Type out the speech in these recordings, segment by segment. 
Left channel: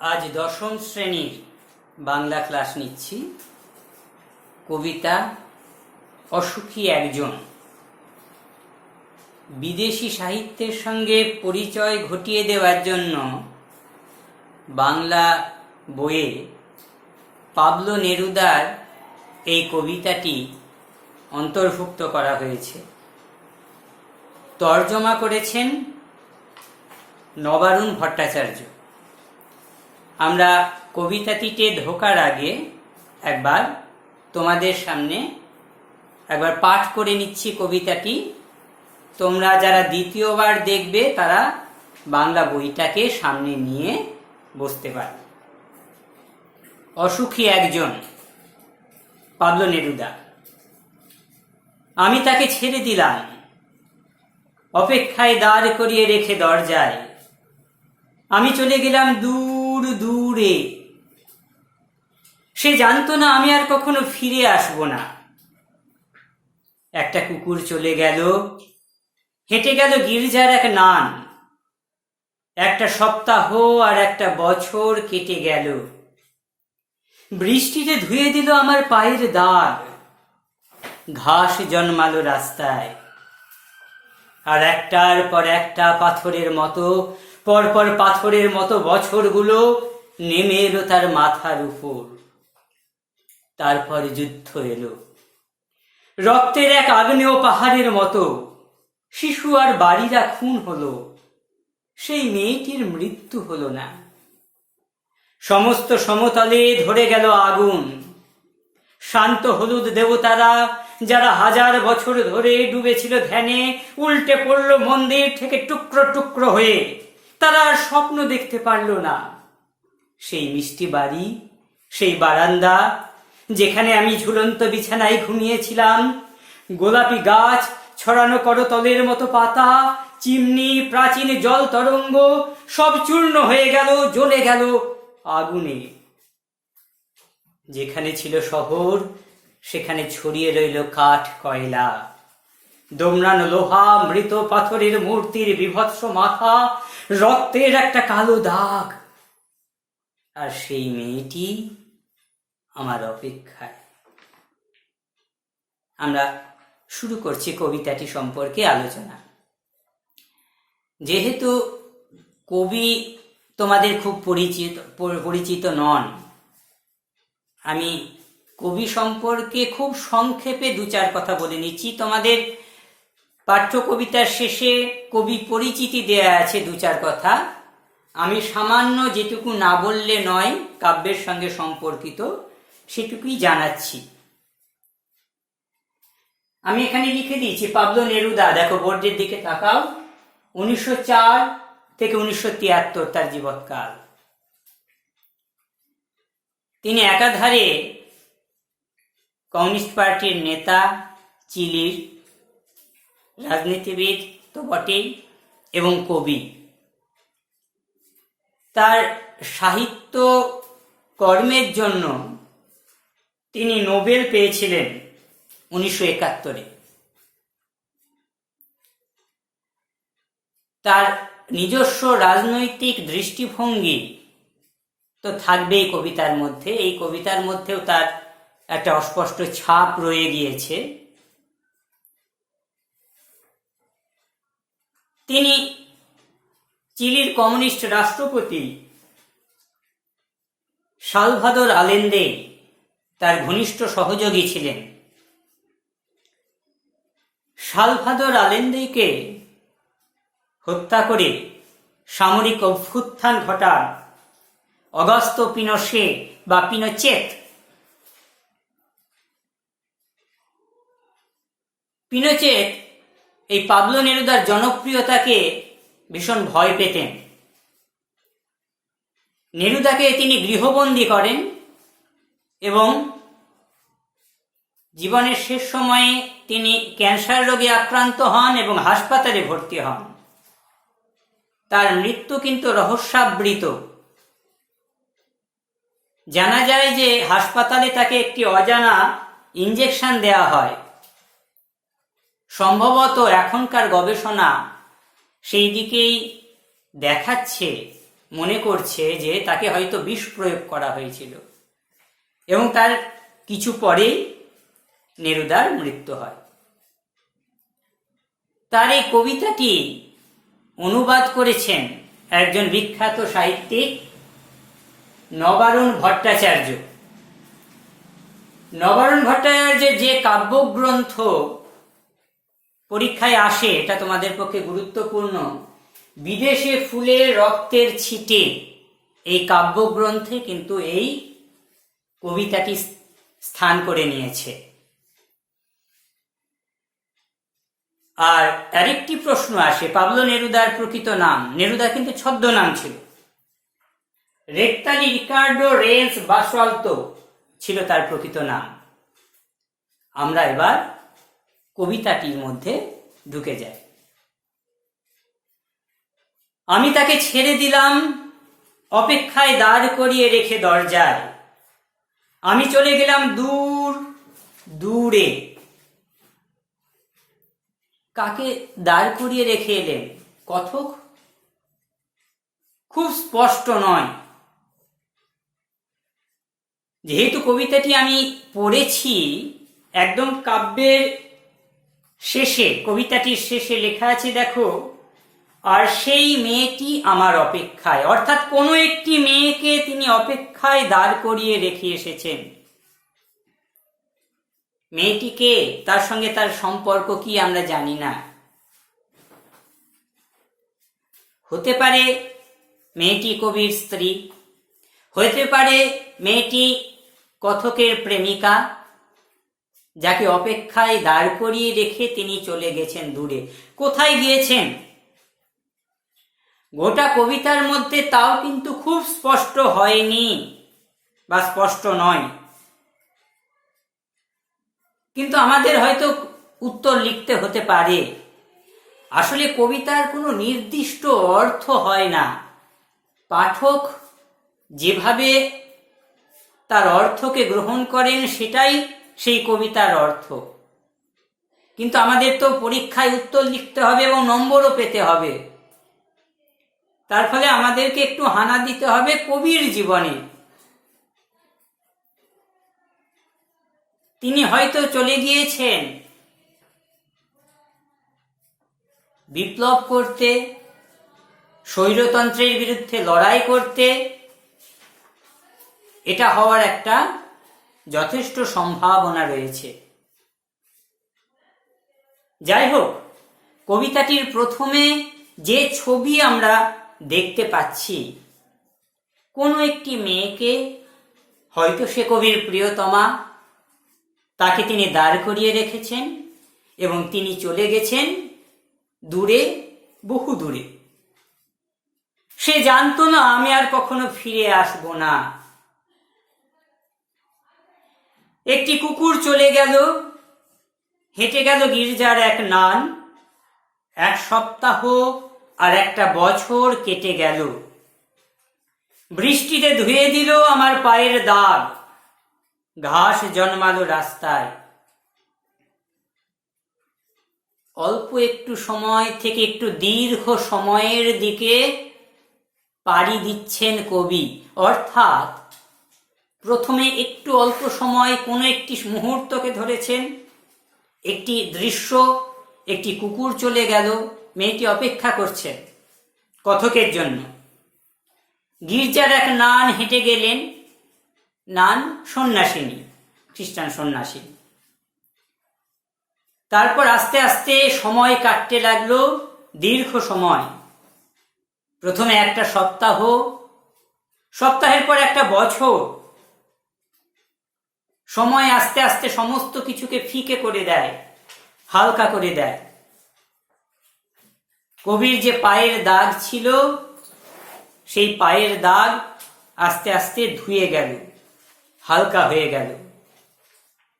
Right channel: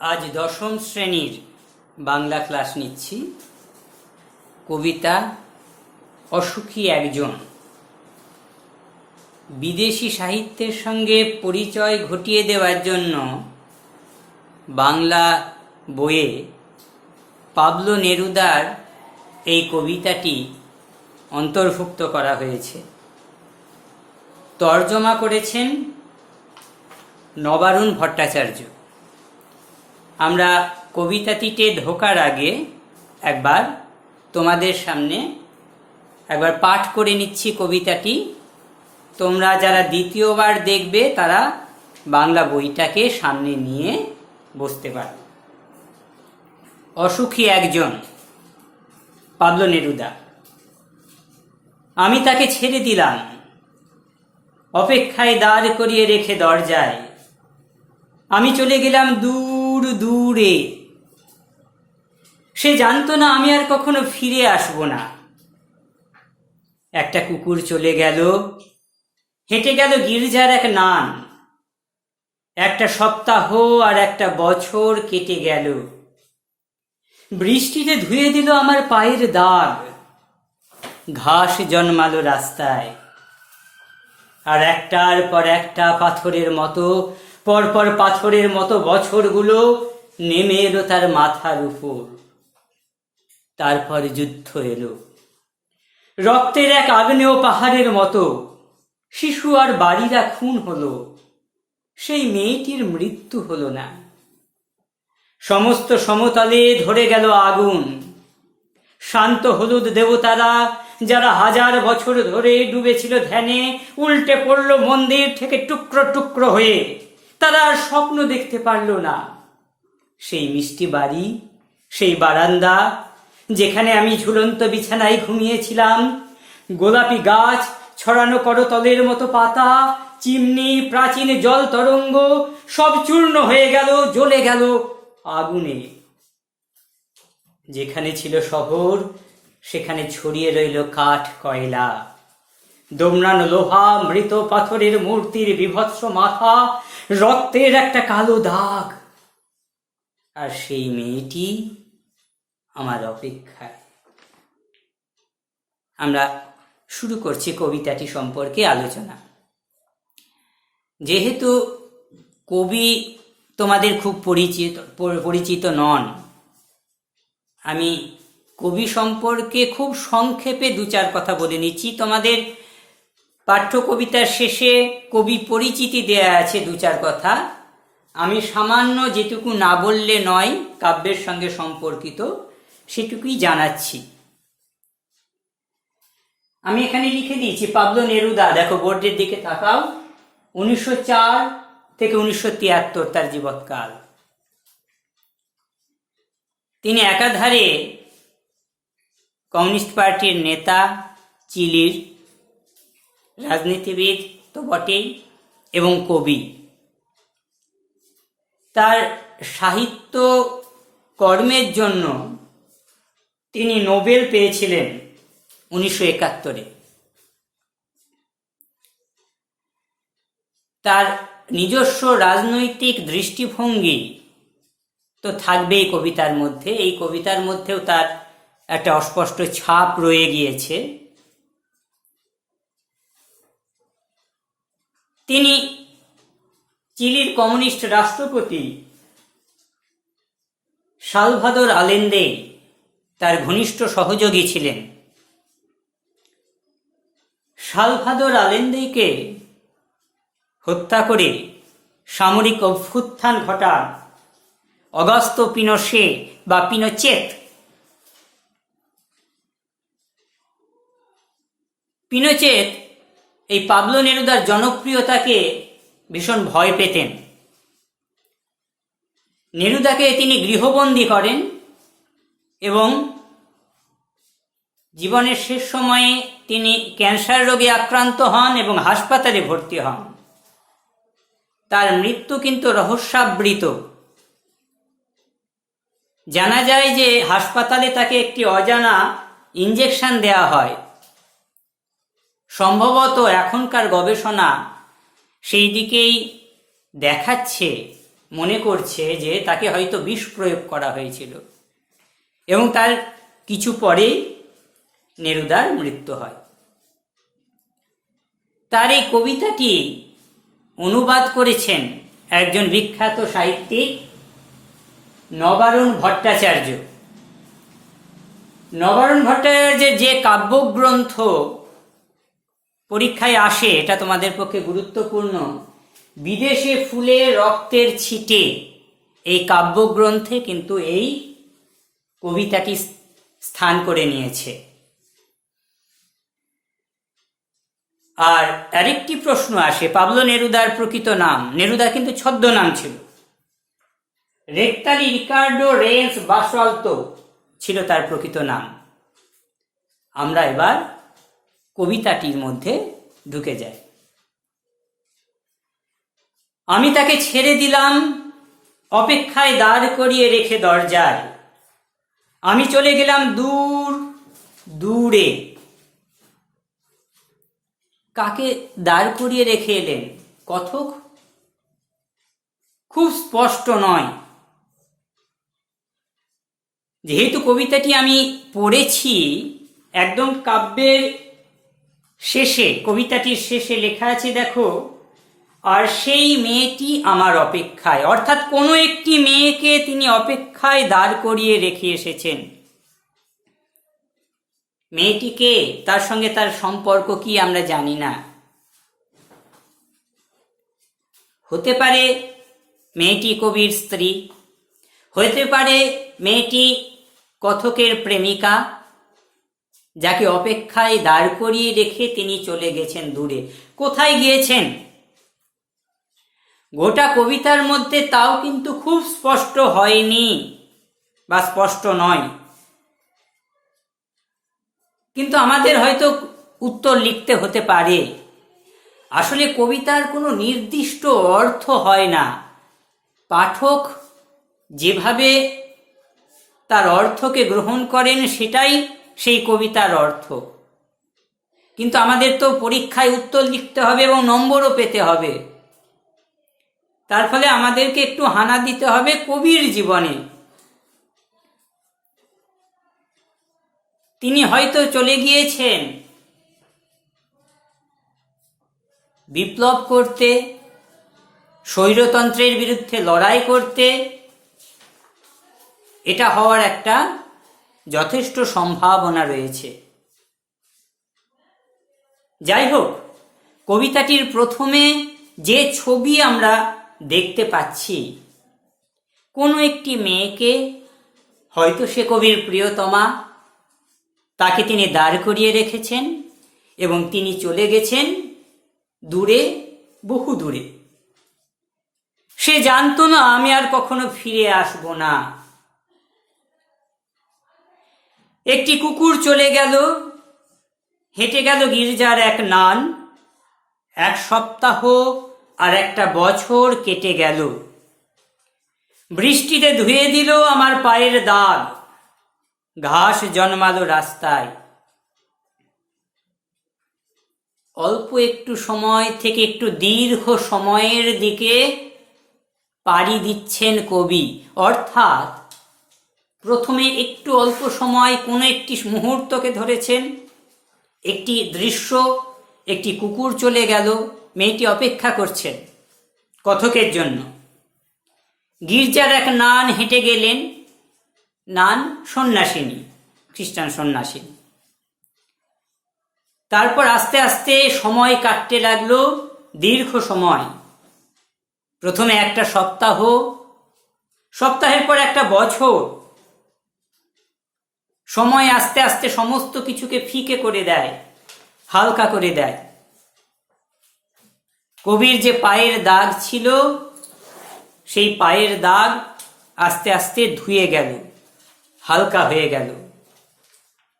আজ দশম শ্রেণীর বাংলা ক্লাস নিচ্ছি। কবিতা অসুখী একজন। বিদেশি সাহিত্যের সঙ্গে পরিচয় ঘটিয়ে দেওয়ার জন্য বাংলা বইয়ে পাবলো নেরুদার এই কবিতাটি অন্তর্ভুক্ত করা হয়েছে। তর্জমা করেছেন নবারুণ ভট্টাচার্য। আমরা কবিতাটিতে ঢোকার আগে একবার তোমাদের সামনে একবার পাঠ করে নিচ্ছি কবিতাটি। তোমরা যারা দ্বিতীয়বার দেখবে তারা বাংলা বইটাকে সামনে নিয়ে বসতে পারবে। অসুখী একজন, পাবলো নেরুদা। আমি তাকে ছেড়ে দিলাম, অপেক্ষায় দাঁড় করিয়ে রেখে দরজায়। আমি চলে গেলাম দূর দূরে। সে জানতো না আমি আর কখনো ফিরে আসব না। একটা কুকুর চলে গেল, হেঁটে গেল গির্জার এক নান। একটা সপ্তাহ আর একটা বছর কেটে গেল। বৃষ্টিতে ধুয়ে দিল আমার পায়ের দাগ। ঘাস জন্মালো রাস্তায়। আর একটার পর একটা পাথরের মতো, পরপর পাথরের মতো বছরগুলো নেমে এলো তার মাথার উপর। তারপর যুদ্ধ এলো, রক্তের এক আগ্নেয় পাহাড়ের মতো। শিশু আর বাড়িরা খুন হলো, সেই মেয়েটির মৃত্যু হলো না। সমস্ত সমতলে ধরে গেল আগুন। শান্ত হলুদ দেবতারা, যারা হাজার বছর ধরে ডুবেছিল ধ্যানে, উল্টে পড়ল মন্দির থেকে টুকরো টুকরো হয়ে। তারা আর স্বপ্ন দেখতে পারল না। সেই মিষ্টি বাড়ি, সেই বারান্দা যেখানে আমি ঝুলন্ত বিছানায় ঘুমিয়েছিলাম, গোলাপি গাছ, ছড়ানো করতলের মতো পাতা, চিমনি, প্রাচীন জল তরঙ্গ সব চূর্ণ হয়ে গেল, জ্বলে গেল আগুনে। যেখানে ছিল শহর সেখানে ছড়িয়ে রইল কাঠ কয়লা, দোমড়ানো লোহা, মৃত পাথরের মূর্তির বিভৎস মাথা, রক্তের একটা কালো দাগ। আর সেই মেয়েটি আমার অপেক্ষায়। আমরা শুরু করছি কবিতাটি সম্পর্কে আলোচনা। যেহেতু কবি তোমাদের খুব পরিচিত নন, আমি কবি সম্পর্কে খুব সংক্ষেপে দু চার কথা বলে নিচ্ছি। তোমাদের পাঠ্য কবিতার শেষে কবি পরিচিতি দেয়া আছে দু চার কথা। আমি সামান্য যেটুকু না বললে নয় কাব্যের সঙ্গে সম্পর্কিত সেটুকুই জানাচ্ছি। আমি এখানে লিখে দিয়েছি পাবলো নেরুদা। দেখো বোর্ডের দিকে তাকাও। 1904 থেকে 1973 তার জীবৎকাল। তিনি একাধারে কমিউনিস্ট পার্টির নেতা, চিলির রাজনীতিবিদ তো বটেই, এবং কবি। তার সাহিত্য কর্মের জন্য তিনি নোবেল পেয়েছিলেন 1971-এ। তার নিজস্ব রাজনৈতিক দৃষ্টিভঙ্গি তো থাকবেই কবিতার মধ্যে। এই কবিতার মধ্যেও তার একটা অস্পষ্ট ছাপ রয়ে গিয়েছে। তিনি চিলির কমিউনিস্ট রাষ্ট্রপতি সালভাদর আলেন্দে তার ঘনিষ্ঠ সহযোগী ছিলেন। সালভাদর আলেন্দেকে হত্যা করে সামরিক অভ্যুত্থান ঘটান অগাস্তো পিনোশে বা পিনোচেত। পিনোচেত এই পাবলো নেরুদার জনপ্রিয়তাকে ভীষণ ভয় পেতেন। নেরুদাকে তিনি গৃহবন্দী করেন এবং জীবনের শেষ সময়ে তিনি ক্যান্সার রোগে আক্রান্ত হন এবং হাসপাতালে ভর্তি হন। তার মৃত্যু কিন্তু রহস্যাবৃত। জানা যায় যে হাসপাতালে তাকে একটি অজানা ইঞ্জেকশন দেয়া হয়। সম্ভবত এখনকার গবেষণা সেই দিকেই দেখাচ্ছে মনে করছে যে তাকে হয়তো বিষ প্রয়োগ করা হয়েছিল এবং তার কিছু পরেই নেরুদার মৃত্যু হয়। তার এই কবিতাটি অনুবাদ করেছেন একজন বিখ্যাত সাহিত্যিক নবারুণ ভট্টাচার্য। নবারুণ ভট্টাচার্যের যে কাব্যগ্রন্থ পরীক্ষায় আসে, এটা তোমাদের পক্ষে গুরুত্বপূর্ণ, বিদেশে ফুলে রক্তের ছিটে, এই কাব্যগ্রন্থে কিন্তু এই কবিতাটি স্থান করে নিয়েছে। আর আরেকটি প্রশ্ন আসে, পাবলো নেরুদার প্রকৃত নাম, নেরুদা কিন্তু ছদ্মনাম ছিল, রেক্তালি রিকার্ডো রেন্স বাসওয়ালতো ছিল তার প্রকৃত নাম। আমরা এবার কবিতাটির মধ্যে ঢুকে যাই। আমি তাকে ছেড়ে দিলাম অপেক্ষায় দাঁড় করিয়ে রেখে দরজায়, আমি চলে গেলাম দূর দূরে। কাকে দাঁড় করিয়ে রেখে এলেন? কথক খুব স্পষ্ট নয়। যেহেতু কবিতাটি আমি পড়েছি, একদম কাব্যের শেষে, কবিতাটির শেষে লেখা আছে, দেখো, আর সেই মেয়েটি আমার অপেক্ষায়, অর্থাৎ কোনো একটি মেয়েকে তিনি অপেক্ষায় দাঁড় করিয়ে রেখে এসেছেন। মেয়েটিকে, তার সঙ্গে তার সম্পর্ক কি আমরা জানি না। হতে পারে মেয়েটি কবির স্ত্রী, হতে পারে মেয়েটি কথকের প্রেমিকা, যাকে অপেক্ষায় দাঁড় করিয়ে রেখে তিনি চলে গেছেন দূরে। কোথায় গিয়েছেন গোটা কবিতার মধ্যে তাও কিন্তু খুব স্পষ্ট হয়নি বা স্পষ্ট নয়, কিন্তু আমাদের হয়তো উত্তর লিখতে হতে পারে। আসলে কবিতার কোনো নির্দিষ্ট অর্থ হয় না, পাঠক যেভাবে তার অর্থকে গ্রহণ করেন সেটাই সেই কবিতার অর্থ। কিন্তু আমাদের তো পরীক্ষায় উত্তর লিখতে হবে এবং নম্বরও পেতে হবে। তার ফলে আমাদেরকে একটু হানা দিতে হবে কবির জীবনে। তিনি হয়তো চলে গিয়েছেন বিপ্লব করতে, স্বৈরতন্ত্রের বিরুদ্ধে লড়াই করতে। এটা হওয়ার একটা যথেষ্ট সম্ভাবনা রয়েছে। যাই হোক, কবিতাটির প্রথমে যে ছবি আমরা দেখতে পাচ্ছি, কোনো একটি মেয়েকে, হয়তো সে কবির প্রিয়তমা, তাকে তিনি দাঁড় করিয়ে রেখেছেন এবং তিনি চলে গেছেন দূরে, বহু দূরে। সে জানতো না আমি আর কখনো ফিরে আসব না। একটি কুকুর চলে গেল, হেঁটে গেল গির্জার এক নান, এক সপ্তাহ আর একটা বছর কেটে গেল। বৃষ্টিতে ধুয়ে দিল আমার পায়ের দাগ, ঘাস জন্মালো রাস্তায়। অল্প একটু সময় থেকে একটু দীর্ঘ সময়ের দিকে পাড়ি দিচ্ছেন কবি, অর্থাৎ প্রথমে একটু অল্প সময় কোনো একটি মুহূর্তকে ধরেছেন, একটি দৃশ্য, একটি কুকুর চলে গেল, মেয়েটি অপেক্ষা করছেন কথকের জন্য। গির্জার এক নান হেঁটে গেলেন, নান সন্ন্যাসিনী, খ্রিস্টান সন্ন্যাসিনী। তারপর আস্তে আস্তে সময় কাটতে লাগলো, দীর্ঘ সময়। প্রথমে একটা সপ্তাহ, সপ্তাহের পর একটা বছর। সময় আস্তে আস্তে সমস্ত কিছুকে ফিকে করে দেয়, হালকা করে দেয়। কবির যে পায়ের দাগ ছিল, সেই পায়ের দাগ আস্তে আস্তে ধুয়ে গেল, হালকা হয়ে গেল।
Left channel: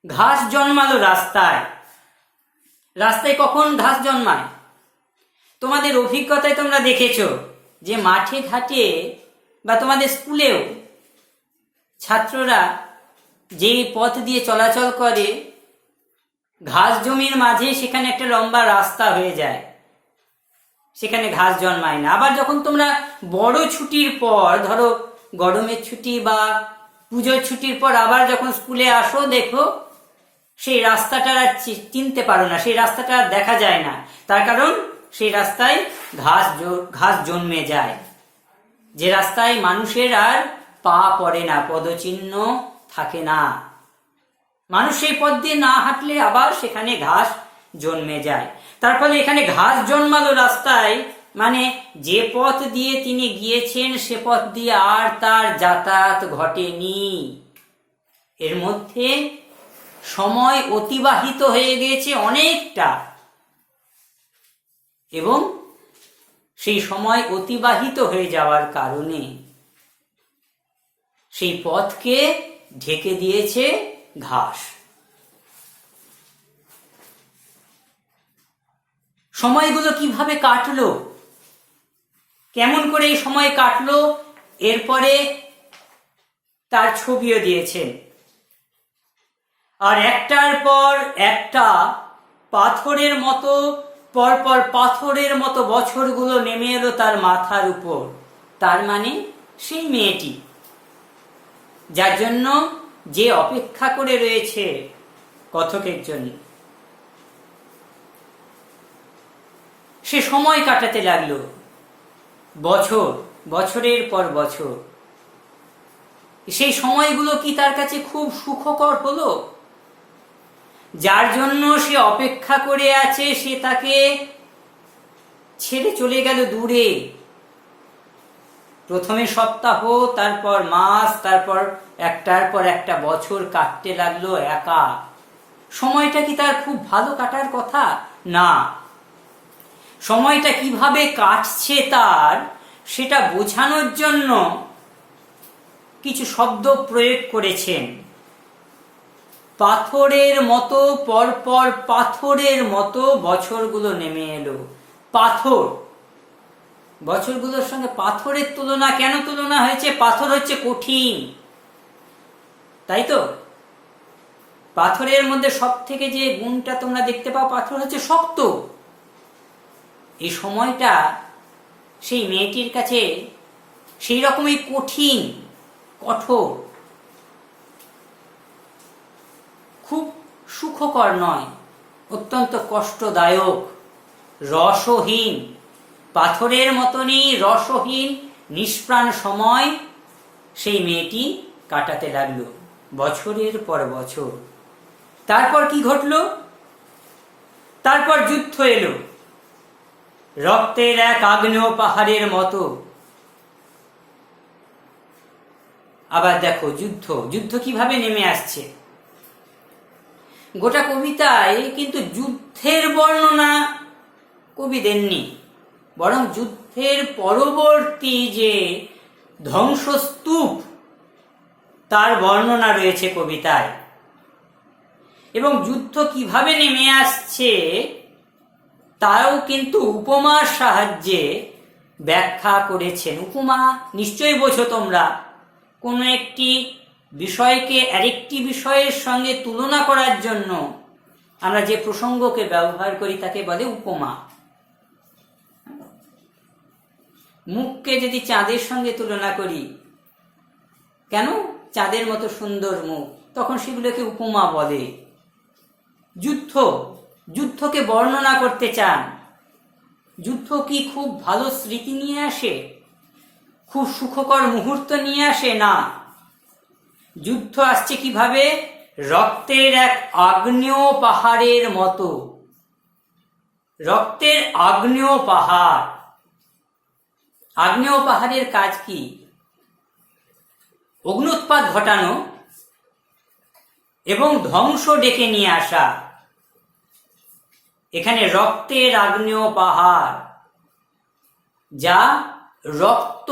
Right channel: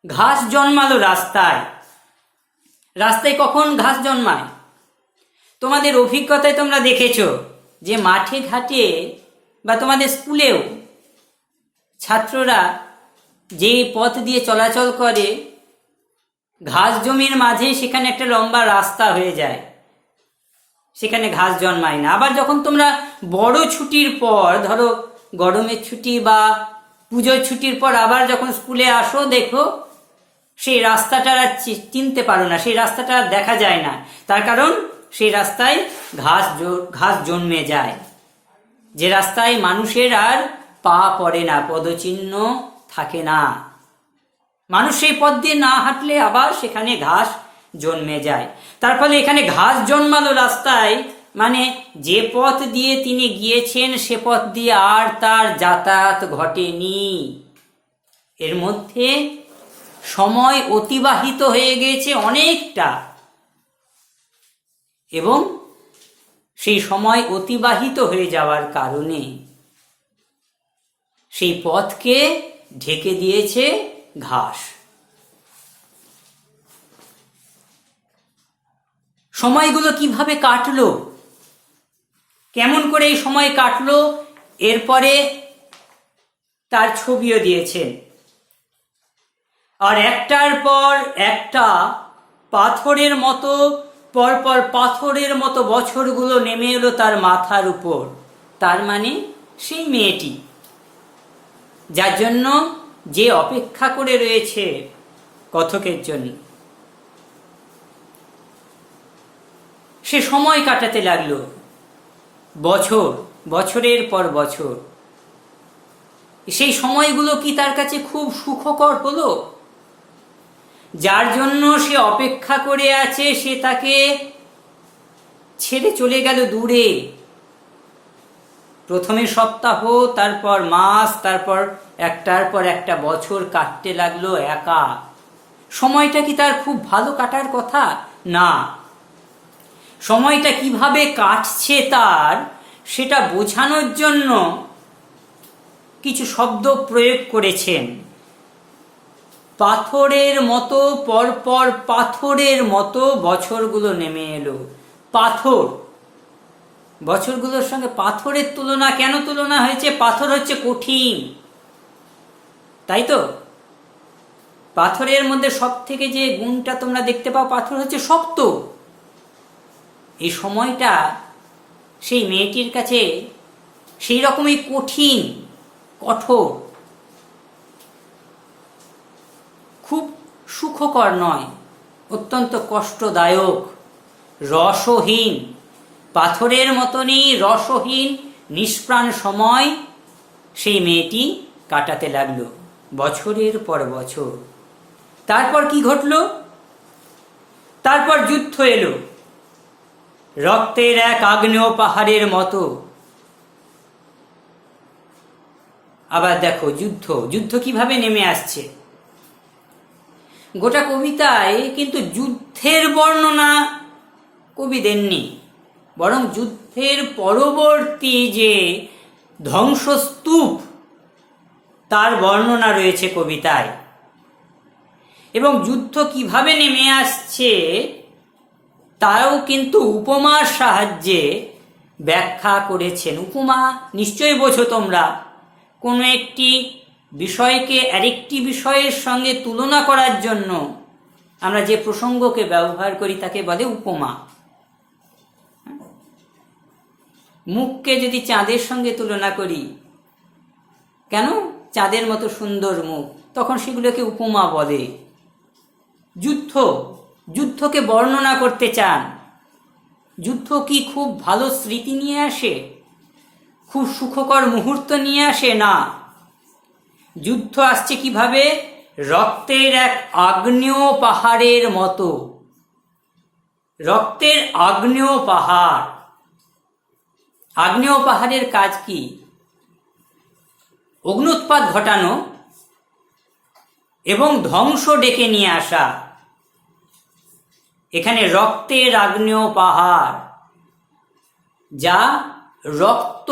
ঘাস জন্মালো রাস্তায়। রাস্তায় কখন ঘাস জন্মায়? তোমাদের অভিজ্ঞতায় তোমরা দেখেছো যে মাঠে ঘাটে বা তোমাদের স্কুলেও ছাত্ররা যে পথ দিয়ে চলাচল করে, ঘাস জমির মাঝে সেখানে একটা লম্বা রাস্তা হয়ে যায়। সেখানে ঘাস জন্মায় না। আবার যখন তোমরা বড় ছুটির পর, ধরো গরমের ছুটি বা পুজোর ছুটির পর আবার যখন স্কুলে আসো, দেখো সেই রাস্তাটা আর চিনতে পারো না, সেই রাস্তাটা আর দেখা যায় না। তার কারণ সেই রাস্তায় ঘাস জন্মে যায়, যে রাস্তায় মানুষের আর পা পড়ে না, পদচিহ্ন থাকে না। মানুষ সেই পথ দিয়ে না হাঁটলে আবার সেখানে ঘাস জন্মে যায়। তার ফলে এখানে ঘাস জন্মালো রাস্তায়, মানে যে পথ দিয়ে তিনি গিয়েছেন সে পথ দিয়ে আর তার যাতায়াত ঘটেনি। এর মধ্যে সময় অতিবাহিত হয়ে গিয়েছে অনেকটা, এবং সেই সময় অতিবাহিত হয়ে যাওয়ার কারণে সেই পথকে ঢেকে দিয়েছে ঘাস। সময়গুলো কিভাবে কাটলো, কেমন করে এই সময় কাটলো, এরপরে তার ছবিও দিয়েছেন। আর একটার পর একটা পাথরের মতো, পরপর পাথরের মতো বছরগুলো নেমে এলো তার মাথার উপর। তার মানে সেই মেয়েটি, যার জন্য যে অপেক্ষা করে রয়েছে কথকের জন্য, সে সময় কাটাতে লাগলো, বছরের পর বছর। সেই সময়গুলো কি তার কাছে খুব সুখকর হলো? যার জন্য সে অপেক্ষা করে আছে সে তাকে ছেড়ে চলে গেল দূরে। প্রথমে সপ্তাহ, তারপর মাস, তারপর একটার পর একটা বছর কাটতে লাগলো একা। সময়টা কি তার খুব ভালো কাটার কথা? না। সময়টা কিভাবে কাটছে তার, সেটা বোঝানোর জন্য কিছু শব্দ প্রয়োগ করেছেন। পাথরের মতো, পরপর পাথরের মতো বছরগুলো নেমে এলো। পাথর, বছরগুলোর সঙ্গে পাথরের তুলনা কেন তুলনা হয়েছে? পাথর হচ্ছে কঠিন, তাই তো? পাথরের মধ্যে সব থেকে যে গুণটা তোমরা দেখতে পাও, পাথর হচ্ছে শক্ত। এই সময়টা সেই মেয়েটির কাছে সেই রকমই কঠিন, কঠোর, খুব সুখকর নয়, অত্যন্ত কষ্টদায়ক, রসহীন, পাথরের মতনই রসহীন নিষ্প্রাণ সময় সেই মেয়েটি কাটাতে লাগলো বছরের পর বছর। তারপর কি ঘটল? তারপর যুদ্ধ এলো, রক্তের এক আগ্নেয় পাহাড়ের মতো। আবার দেখো যুদ্ধ কিভাবে নেমে আসছে। গোটা কবিতায় কিন্তু যুদ্ধের বর্ণনা কবি দেননি, বরং যুদ্ধের পরবর্তী যে ধ্বংসস্তূপ তার বর্ণনা রয়েছে কবিতায়। এবং যুদ্ধ কিভাবে নেমে আসছে তাও কিন্তু উপমার সাহায্যে ব্যাখ্যা করেছেন। উপমা নিশ্চয়ই বোঝো তোমরা, কোনো একটি বিষয়কে আরেকটি বিষয়ের সঙ্গে তুলনা করার জন্য আমরা যে প্রসঙ্গকে ব্যবহার করি তাকে বলে উপমা। মুখকে যদি চাঁদের সঙ্গে তুলনা করি, কেন চাঁদের মতো সুন্দর মুখ, তখন সেগুলোকে উপমা বলে। যুদ্ধকে বর্ণনা করতে চান। যুদ্ধ কি খুব ভালো স্মৃতি নিয়ে আসে, খুব সুখকর মুহূর্ত নিয়ে আসে? না। যুদ্ধ আসছে কিভাবে? রক্তের এক আগ্নেয় পাহাড়ের মতো। রক্তের আগ্নেয় পাহাড়। আগ্নেয় পাহাড়ের কাজ কি? অগ্নুৎপাত ঘটানো এবং ধ্বংস ডেকে নিয়ে আসা। এখানে রক্তের আগ্নেয় পাহাড়, যা রক্ত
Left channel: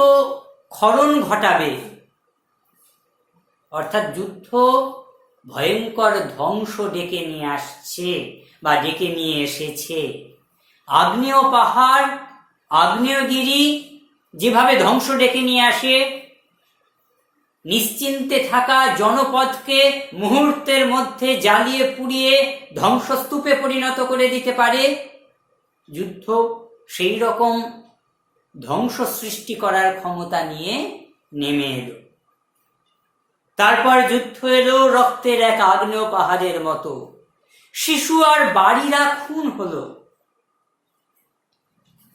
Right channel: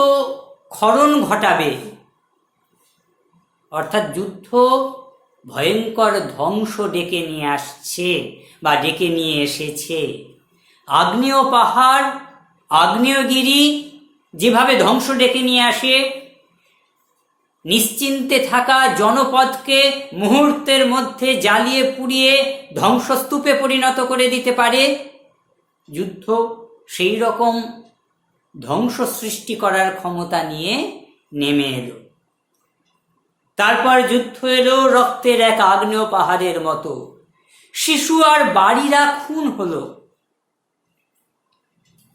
ক্ষরণ ঘটাবে, অর্থাৎ যুদ্ধ ভয়ঙ্কর ধ্বংস ডেকে নিয়ে আসছে বা ডেকে নিয়ে এসেছে। আগ্নেয় পাহাড়, আগ্নেয়গিরি যেভাবে ধ্বংস ডেকে নিয়ে আসে, নিশ্চিন্তে থাকা জনপদকে মুহূর্তের মধ্যে জ্বালিয়ে পুড়িয়ে ধ্বংসস্তূপে পরিণত করে দিতে পারে, যুদ্ধ সেই রকম ধ্বংস সৃষ্টি করার ক্ষমতা নিয়ে নেমে এলো। তারপর যুদ্ধ এলো রক্তের এক আগ্নেয় পাহাড়ের মতো। শিশু আর বাড়িরা খুন হলো।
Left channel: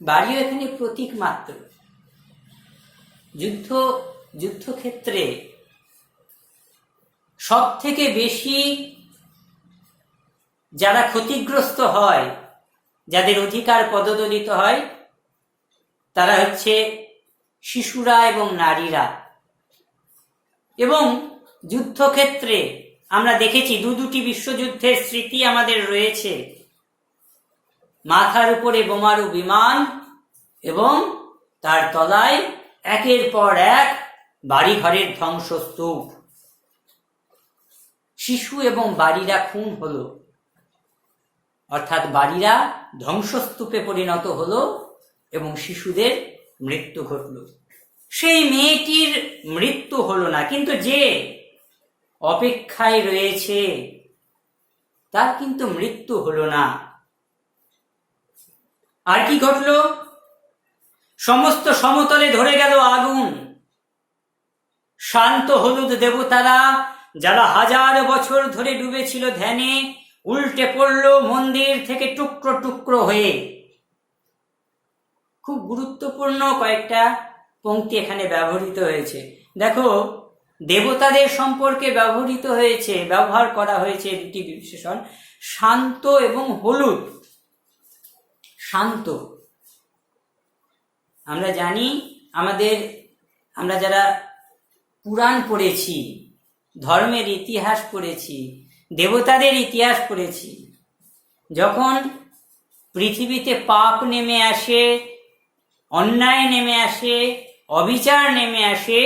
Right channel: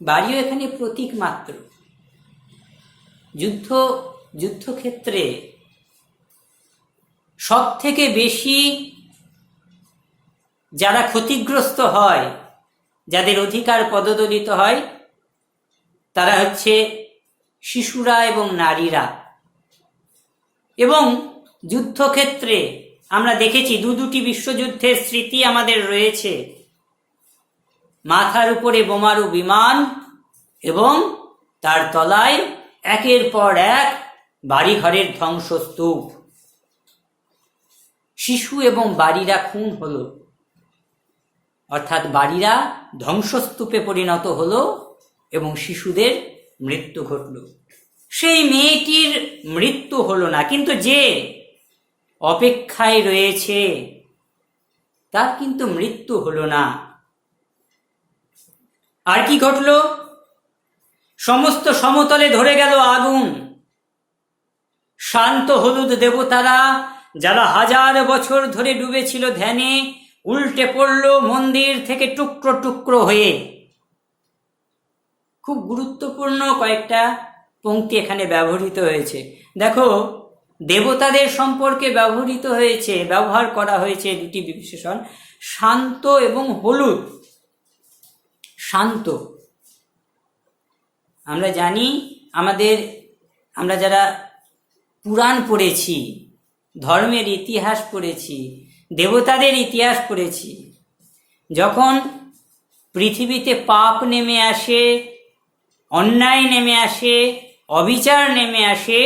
বাড়িও এখানে প্রতীক মাত্র। যুদ্ধক্ষেত্রে সব থেকে বেশি যারা ক্ষতিগ্রস্ত হয়, যাদের অধিকার পদদলিত হয়, তারা হচ্ছে শিশুরা এবং নারীরা। এবং যুদ্ধক্ষেত্রে আমরা দেখেছি দুটি বিশ্বযুদ্ধের স্মৃতি আমাদের রয়েছে। মাথার উপরে বোমারু বিমান এবং তার তলায় একের পর এক বাড়িঘরের ধ্বংসস্তূপ। শিশু এবং বাড়িরা খুন হলো, অর্থাৎ বাড়িরা ধ্বংসস্তূপে পরিণত হলো এবং শিশুদের মৃত্যু ঘটল। সেই মেয়েটির মৃত্যু হলো না, কিন্তু যে অপেক্ষায় রয়েছে তার কিন্তু মৃত্যু হলো না। আর কি ঘটল? সমস্ত সমতলে ধরে গেল আগুন। শান্ত হলুদ দেবতারা, যারা হাজার বছর ধরে ডুবেছিল ধ্যানে, উল্টে পড়ল মন্দির থেকে টুকরো টুকরো হয়ে। খুব গুরুত্বপূর্ণ কয়েকটা পংক্তি এখানে ব্যবহৃত হয়েছে। দেখো, দেবতাদের সম্পর্কে ব্যবহার করা হয়েছে দুটি বিশেষণ, শান্ত এবং হলুদ। শান্ত, আমরা জানি, আমরা যারা পুরাণ পড়েছি, ধর্মের ইতিহাস পড়েছি, দেবতাদের ইতিহাস পড়েছি, যখন পৃথিবীতে পাপ নেমে আসে, অন্যায় নেমে আসে, অবিচার নেমে আসে,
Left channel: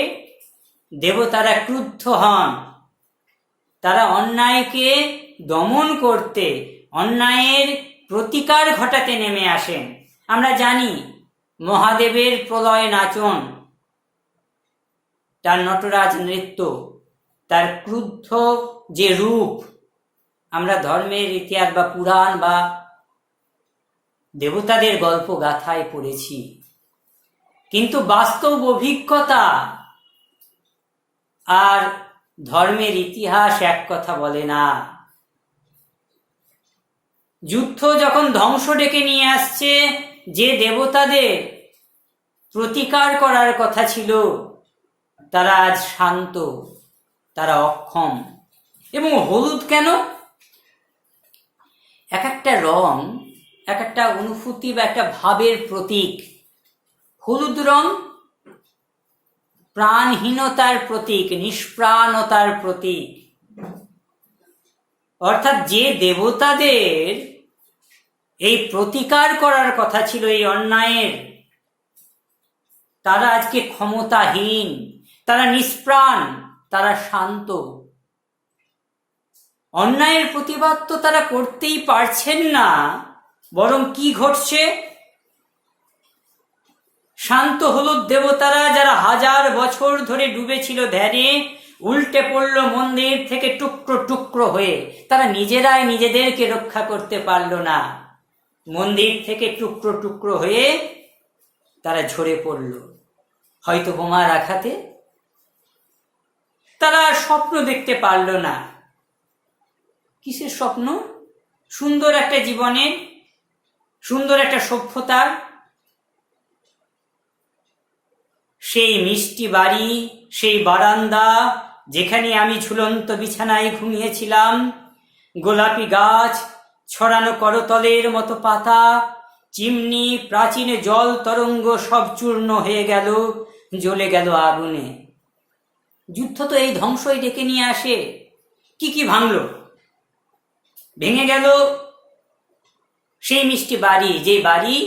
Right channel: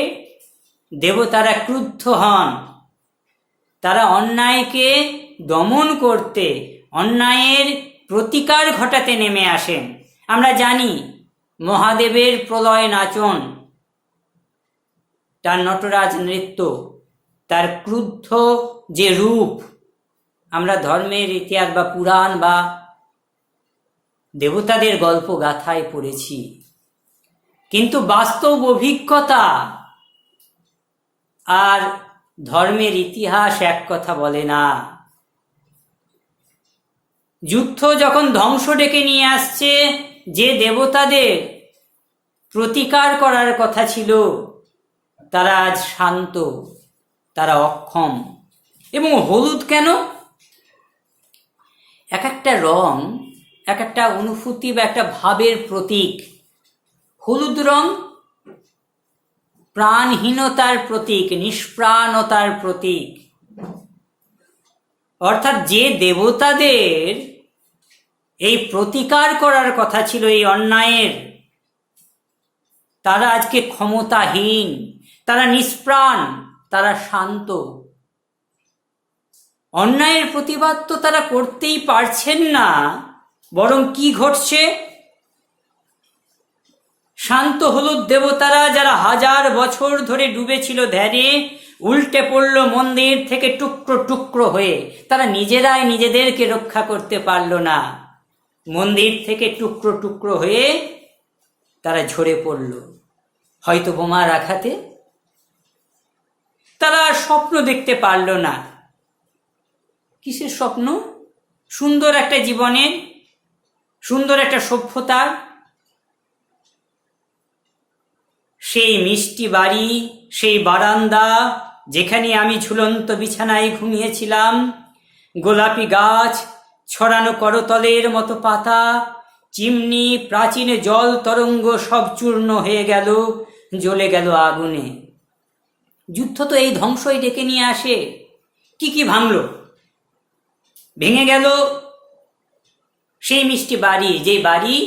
দেবতারা ক্রুদ্ধ হন। তারা অন্যায়কে দমন করতে, অন্যায়ের প্রতিকার ঘটাতে নেমে আসেন। আমরা জানি মহাদেবের প্রলয় নাচন, তার নটরাজ নৃত্য, তার ক্রুদ্ধ যে রূপ, আমরা ধর্মের ইতিহাস বা পুরাণ বা দেবতাদের গল্প গাথায় পড়েছি। কিন্তু বাস্তব অভিজ্ঞতা আর ধর্মের ইতিহাস এক কথা বলে না। যুদ্ধ যখন ধ্বংস ডেকে নিয়ে আসছে, যে দেবতাদের প্রতিকার করার কথা ছিল, তারা আজ শান্ত, তারা অক্ষম। এবং হলুদ কেন? এক একটা রং এক একটা অনুভূতি বা একটা ভাবের প্রতীক। হলুদ রং প্রাণহীনতার প্রতীক, নিষ্প্রাণতার প্রতীক। অর্থাৎ যে দেবতাদের এই প্রতিকার করার কথা ছিল এই অন্যায়ের, তারা আজকে ক্ষমতাহীন, তারা নিষ্প্রাণ, তারা শান্ত। অন্যায়ের প্রতিবাদ তো তারা করতেই পারছেন না, বরং কি ঘটছে? শান্ত হলুদ দেবতারা, যারা হাজার বছর ধরে ডুবেছিল ধ্যানে, উল্টে পড়ল মন্দির থেকে টুকরো টুকরো হয়ে। তারা নিজেরাই নিজেদেরকে রক্ষা করতে পারল না। মন্দির থেকে টুকরো টুকরো হয়ে তারা ঝরে পড়ল, হয়তো বোমার আঘাতে। তারা স্বপ্ন দেখতে পারল না। কিসের স্বপ্ন? সুন্দর একটা জীবনের, সুন্দর একটা সভ্যতার। সেই মিষ্টি বাড়ি, সেই বারান্দা, যেখানে আমি ঝুলন্ত বিছানায় ঘুমিয়েছিলাম, গোলাপি গাছ, ছড়ানো করতলের মতো পাতা, চিমনি, প্রাচীন জল তরঙ্গ সব চূর্ণ হয়ে গেল, জ্বলে গেল আগুনে। যুদ্ধ তো এই ধ্বংসই ডেকে নিয়ে আসে। কি কি ভাঙল? ভেঙে গেল সেই মিষ্টি বাড়ি, যে বাড়ি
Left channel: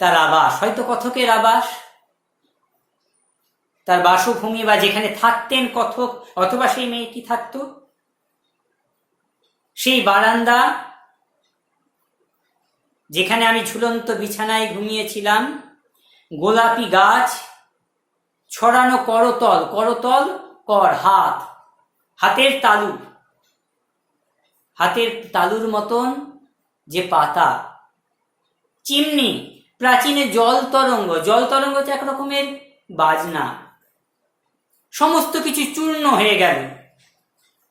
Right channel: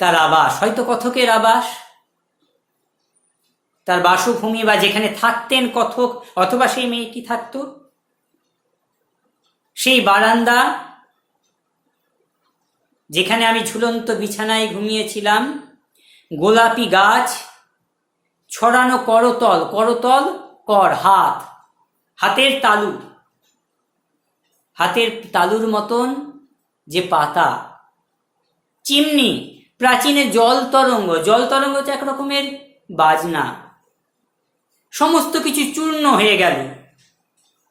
তার আবাস, হয়তো কথকের আবাস, তার বাসভূমি, বা যেখানে থাকতেন কথক অথবা সেই মেয়েটি থাকত। সেই বারান্দা, যেখানে আমি ঝুলন্ত বিছানায় ঘুমিয়েছিলাম, গোলাপি গাছ, ছড়ানো করতল, করতল কর হাত, হাতের তালু, হাতের তালুর মতন যে পাতা, চিমনি, প্রাচীনে জল তরঙ্গ, জল তরঙ্গ তো এক রকমের বাজনা। সমস্ত কিছু চূর্ণ হয়ে গেল,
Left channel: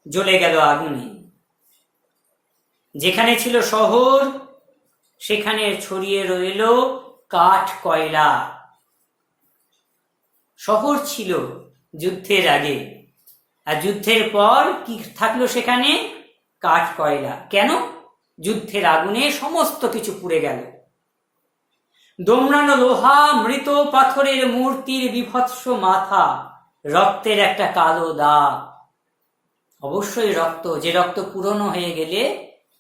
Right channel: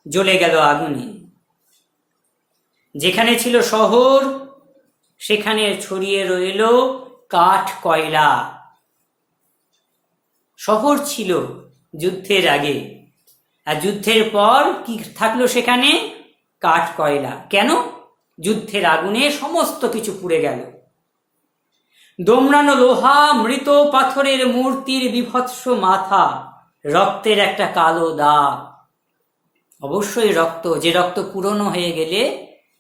জ্বলে গেল আগুনে। যেখানে ছিল শহর সেখানে ছড়িয়ে রইল কাঠ কয়লা। শহর ছিল যুদ্ধের আগে, আর যুদ্ধের পর কি থাকলো সেখানে? কাঠ কয়লা। কেন? যুদ্ধের আগুনে সমস্ত কিছু পুড়ে গেল। দোমড়ানো লোহা, মৃত পাথরের মূর্তির বিভৎস মাথা, রক্তের একটা কালো দাগ। অবশ্যই রক্ত, যে রক্ত পুরনো হয়ে গেলে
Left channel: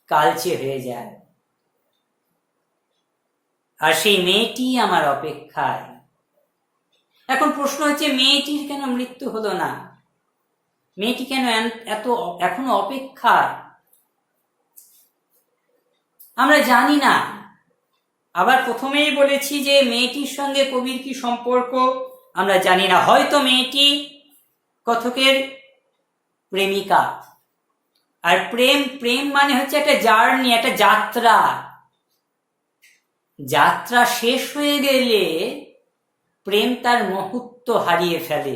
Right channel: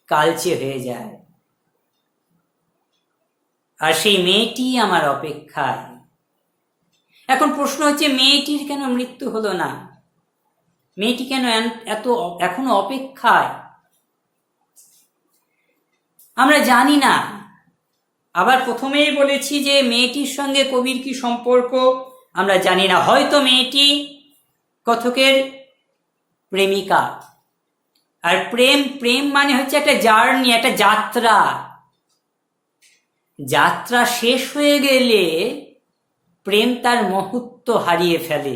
কালচে হয়ে যায়। আর সেই মেয়েটি আমার অপেক্ষায়। এখন প্রশ্ন হচ্ছে, মেয়েটির কেন মৃত্যু হলো না? মেয়েটি কেন এত এখনো অপেক্ষায়? আমরা জানি না। আবার প্রথমেই বলেছি যে মেয়েটির সঙ্গে কবির কি সম্পর্ক আমরা জানি না। হয়তো মেয়েটি কথকের প্রেমিকা। আর প্রেম, প্রেম মানে হচ্ছে একটা জার্নি, একটা যাত্রা। যাত্রা শেষ হয়ে গেলে প্রেম তার মহত্ব হারিয়ে ফেলে।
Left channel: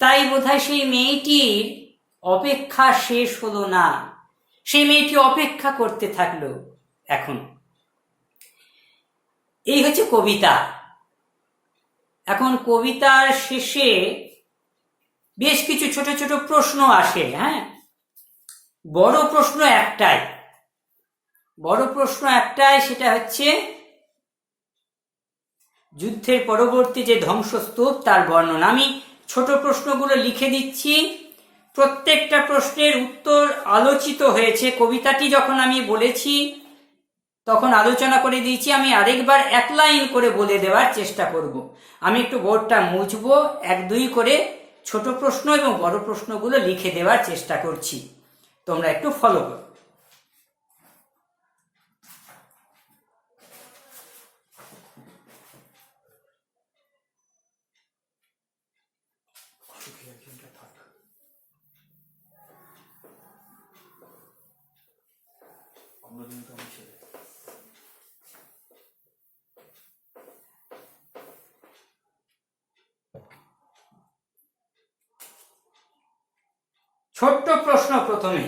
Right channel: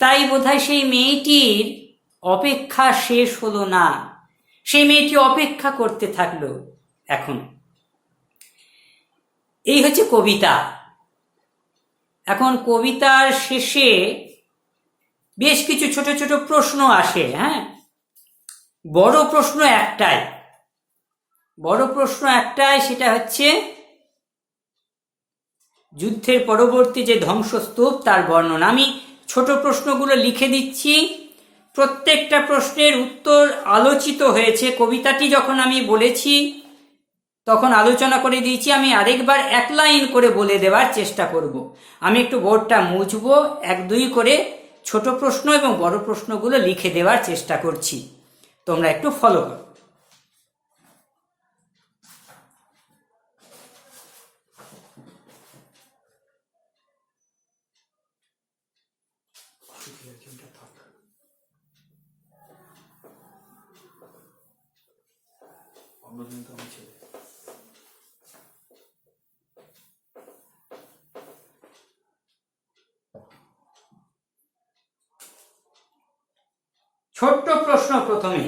তাই বোধহয় সেই মেয়েটির অপেক্ষা শেষ হলো না, সেই মেয়েটি অপেক্ষা করতে থাকলো। এখন এই হচ্ছে কবিতা। এখন কবিতার শেষে বেশ কিছু ছোট ছোট প্রশ্ন আসে। হ্যাঁ, বড় প্রশ্ন একটাই, সেটা হচ্ছে যুদ্ধের পরবর্তী যে ধ্বংসস্তূপ তার বর্ণনা। আমি ছোট প্রশ্নগুলো লিখে দিচ্ছি, প্রত্যেকটা প্রশ্নের উত্তর আলোচিত হয়েছে। কবিতাটি যখন আমি বলেছি তখন আলোচনা করে দিয়েছি। আমি আরেকবার এক লাইন করে বলে দেওয়ার চেষ্টা করব। আমি একটু বোর্ডটা মুছবো, এক দুই করে ছোট প্রশ্ন এবং বড় প্রশ্নগুলো লিখে দেওয়ার চেষ্টা করছি, তোমরা একটু ফলো করো। ছোট্ট প্রশ্ন প্রথমে,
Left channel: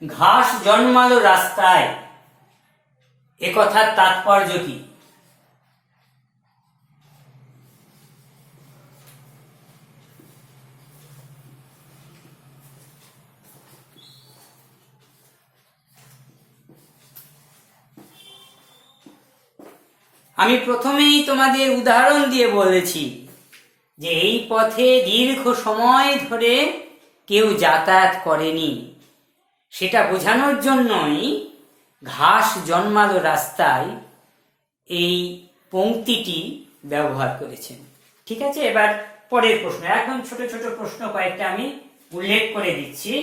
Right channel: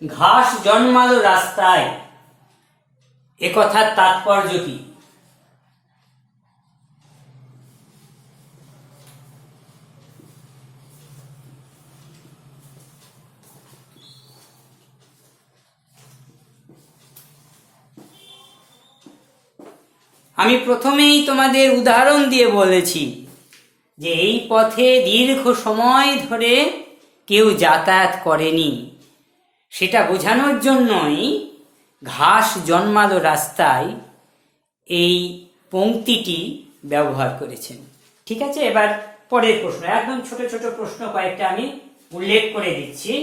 ঘাস জন্মালো রাস্তায়, এ কথার তাৎপর্য কি? আমি প্রথমেই তোমাদের উদাহরণ দিয়ে বলেছি যে এই পথে দীর্ঘ সময় ধরে কেউ যাতায়াত করেনি, সেটা বোঝানোর জন্যই ঘাস জন্মালো রাস্তায় এই পংক্তিটি ব্যবহার করেছেন। ঠিক আছে, এবার পরের প্রশ্ন। এখন ছোট ছোট প্রশ্ন কয়েকটা আমি উল্লেখ করে দিচ্ছি।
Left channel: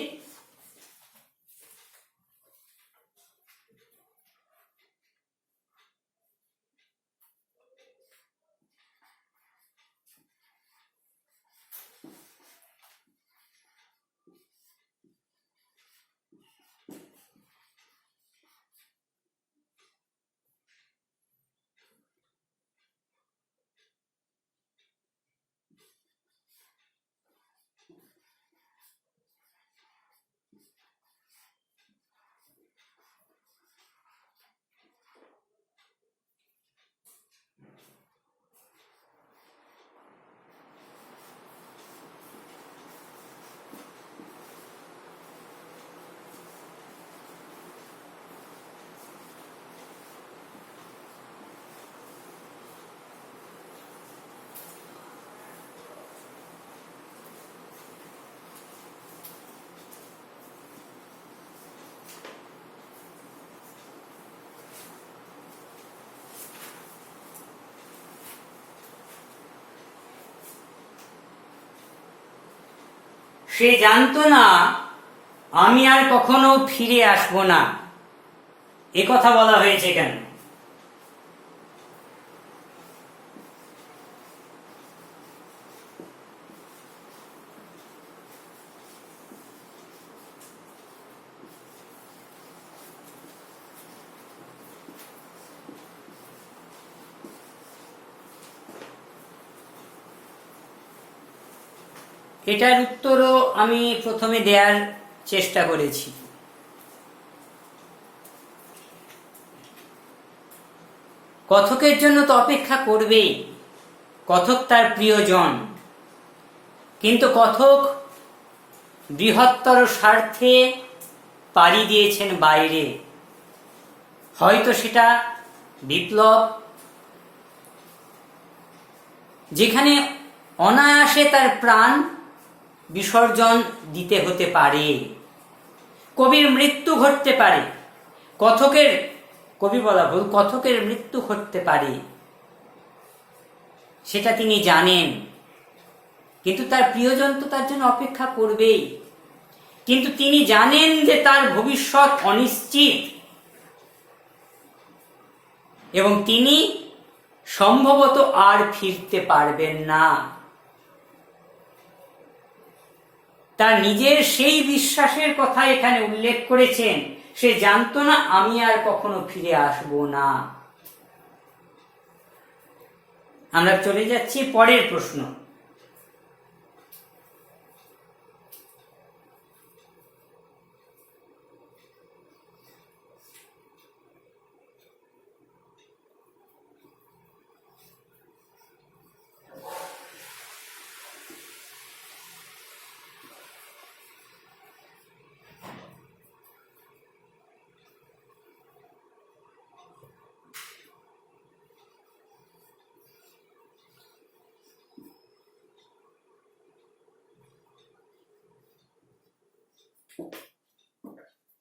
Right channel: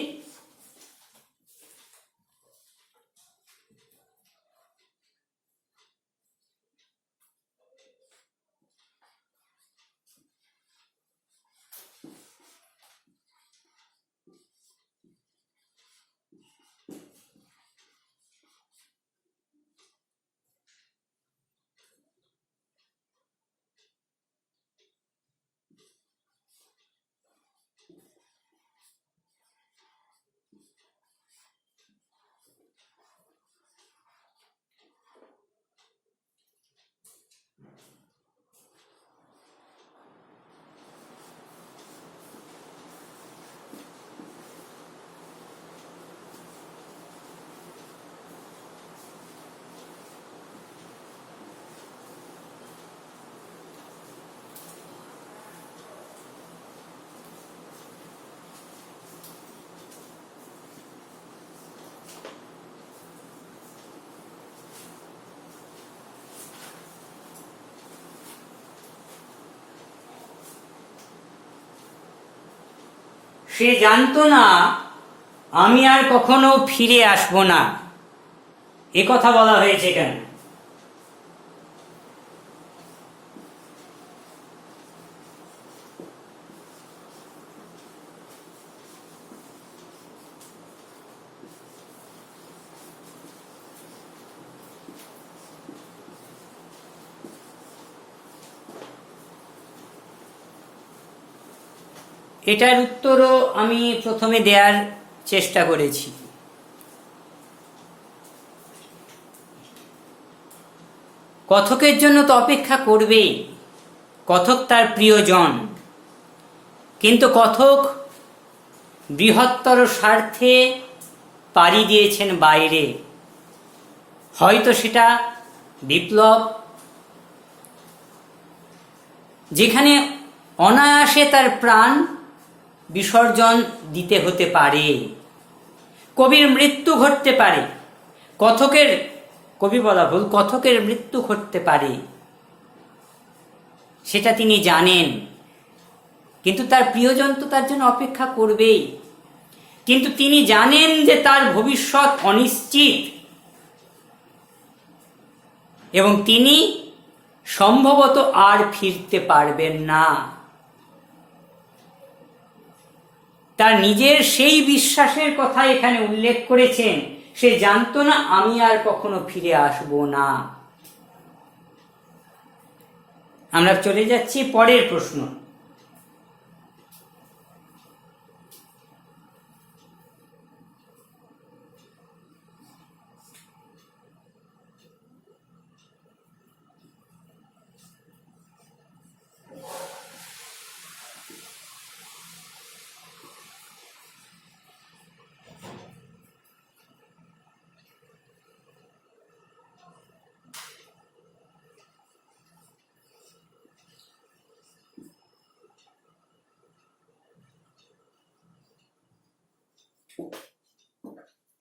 সে জানতো না আমি আর কখনো ফিরে আসবো না। এ কথা বলা হয়েছে কেন? এটার উত্তরও আমি প্রথমে দেওয়ার চেষ্টা করেছি। কথকের জন্য তো অপেক্ষা করবেই, কথক তার প্রিয়জন, কিন্তু কথক বৃহত্তর স্বার্থে পাড়ি দিয়েছেন বাইরে। হয়তো সেটা বিপ্লব, যেখানে অনায়াসে তার প্রাণ বিসর্জন দিতে হতে পারে, কবির মৃত্যু ঘটতে পারে, কবি বলা ভুল, কথকের মৃত্যু ঘটতে পারে, সেটা তিনি জানেন। কিন্তু তার প্রিয়জন তো তার জন্য অপেক্ষা করবেই। কিন্তু তিনি জানেন যে তার ভবিষ্যৎ অনিশ্চিত এবং তিনি সম্ভবত আর ফিরতে পারবেন না। তার নিজের সেই বিশ্বাসের কথা এখানে উল্লেখ করেছেন, সে জানতো না আমি আর কখনো ফিরে আসব না। আমরা চলে যাচ্ছি পরের প্রশ্ন।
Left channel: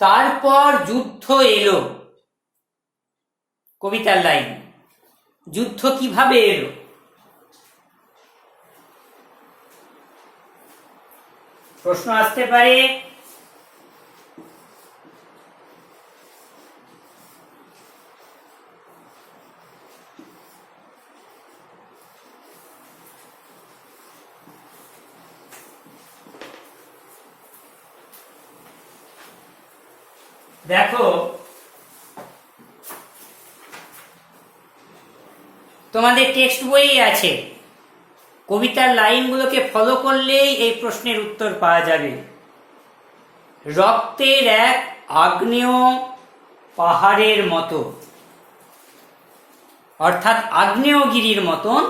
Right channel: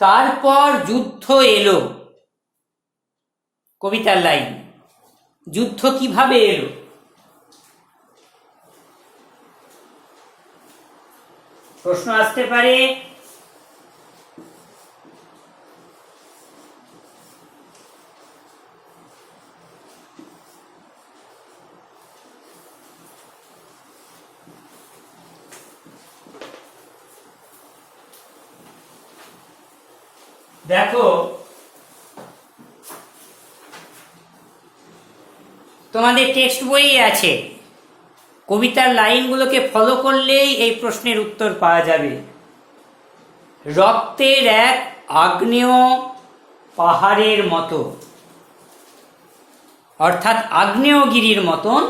তারপর যুদ্ধ এলো, কবিতার লাইন। যুদ্ধ কিভাবে এলো? প্রশ্ন আসতে পারে দেখো, তোমাদের টেক্সট বইয়ে আছে, কবিতার লাইনগুলোকে ফলো করলেই এই প্রশ্নের উত্তর পাওয়া যাবে। রক্তের এক আগ্নেয় পাহাড়ের মতো, অর্থাৎ আগ্নেয়গিরির মতন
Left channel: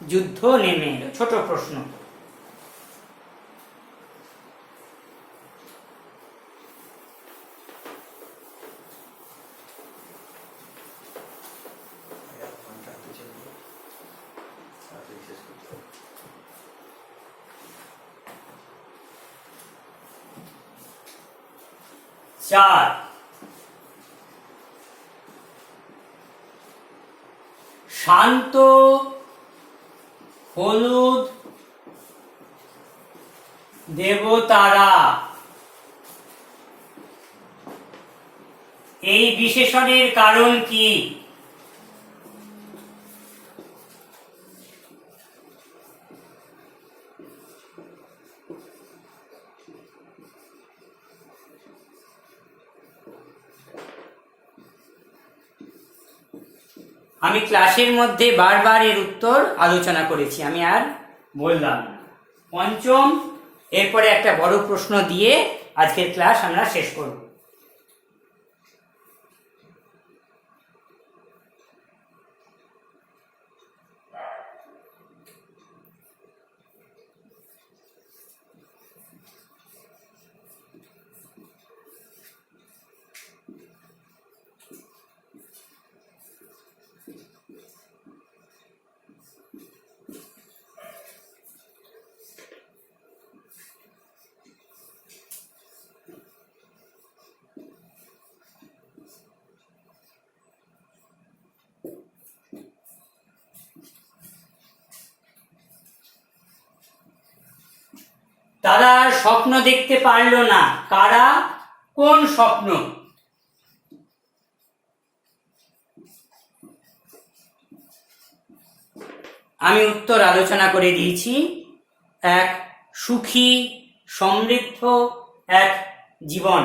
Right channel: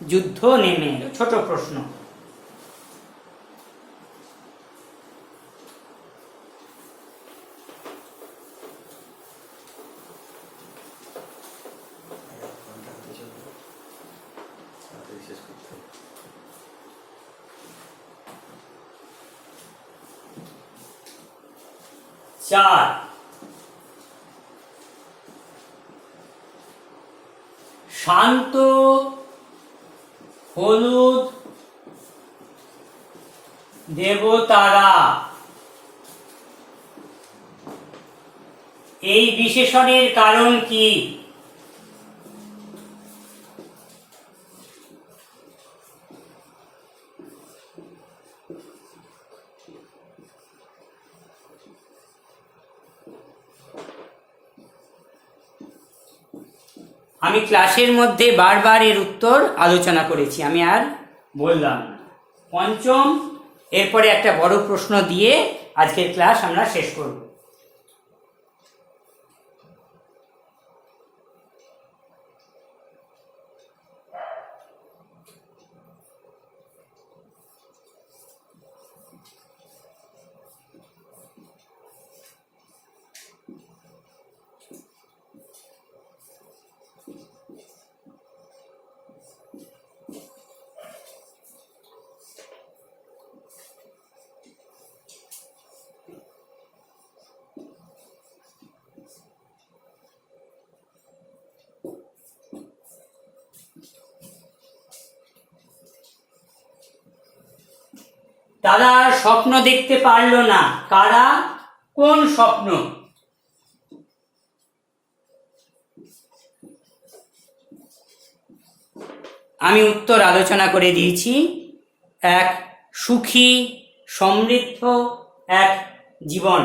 যুদ্ধ নেমে এলো। ছোট প্রশ্ন। চার, শান্ত হলুদ দেবতারা, এই বিশেষণের কারণ কি? আমি ক্লাসের মধ্যে বারবার এর উত্তর আলোচনা করেছি, আমি আর বললাম। পঞ্চম, এরপরে একটা বড় প্রশ্ন দিয়ে আজকের ক্লাস আমরা শেষ করব। তারা স্বপ্ন দেখতে পারল না। কারা? কোন স্বপ্ন? আমি উত্তর আলোচনা করে দিয়েছি। এক সুখী সমৃদ্ধ এক জীবন।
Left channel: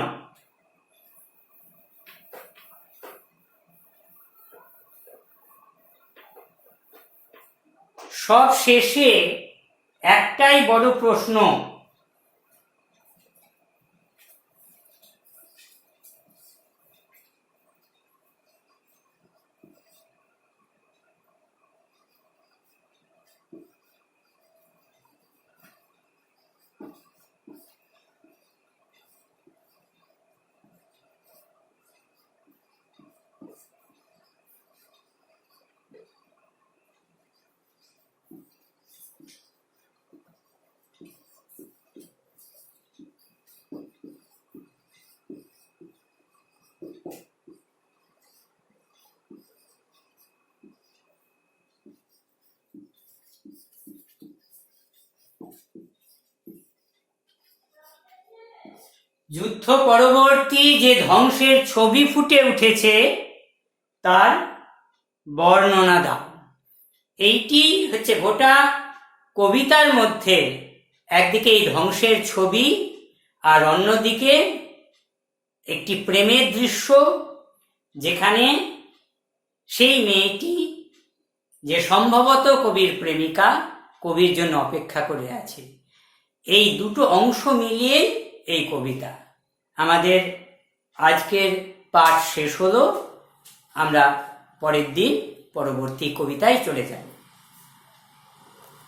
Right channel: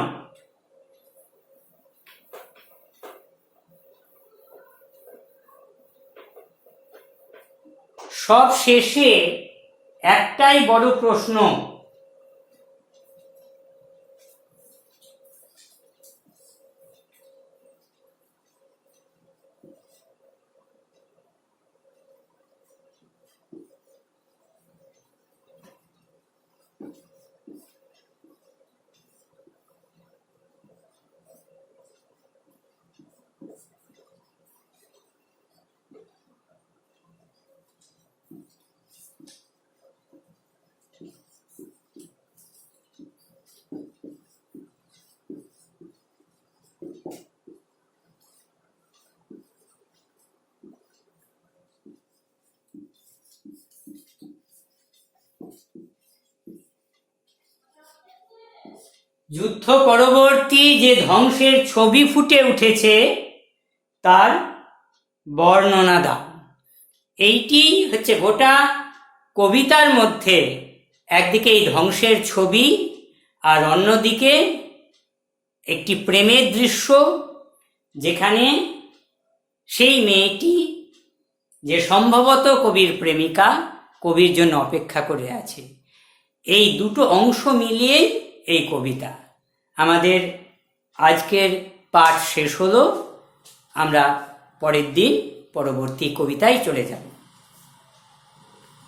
সব শেষে একটাই বড় প্রশ্ন, যুদ্ধ পরবর্তী যে ধ্বংসের ছবি ফুটে উঠেছে তার বর্ণনা দাও। এইটি হচ্ছে গোটা কবিতার মধ্যে, একদিকে এই ধ্বংসের ছবি আর অন্যদিকে একটি প্রেমের দৃশ্য, যেখানে সেই মেয়েটি যে সম্ভবত কবির প্রেমিকা, কবির জন্য অপেক্ষা করে আছে। এই দুটো অংশ মিলিয়ে এই কবিতা। আমাদের আজকের পাঠ শেষ হলো। আমরা পরের দিন পরবর্তী কবিতায় চলে যাব।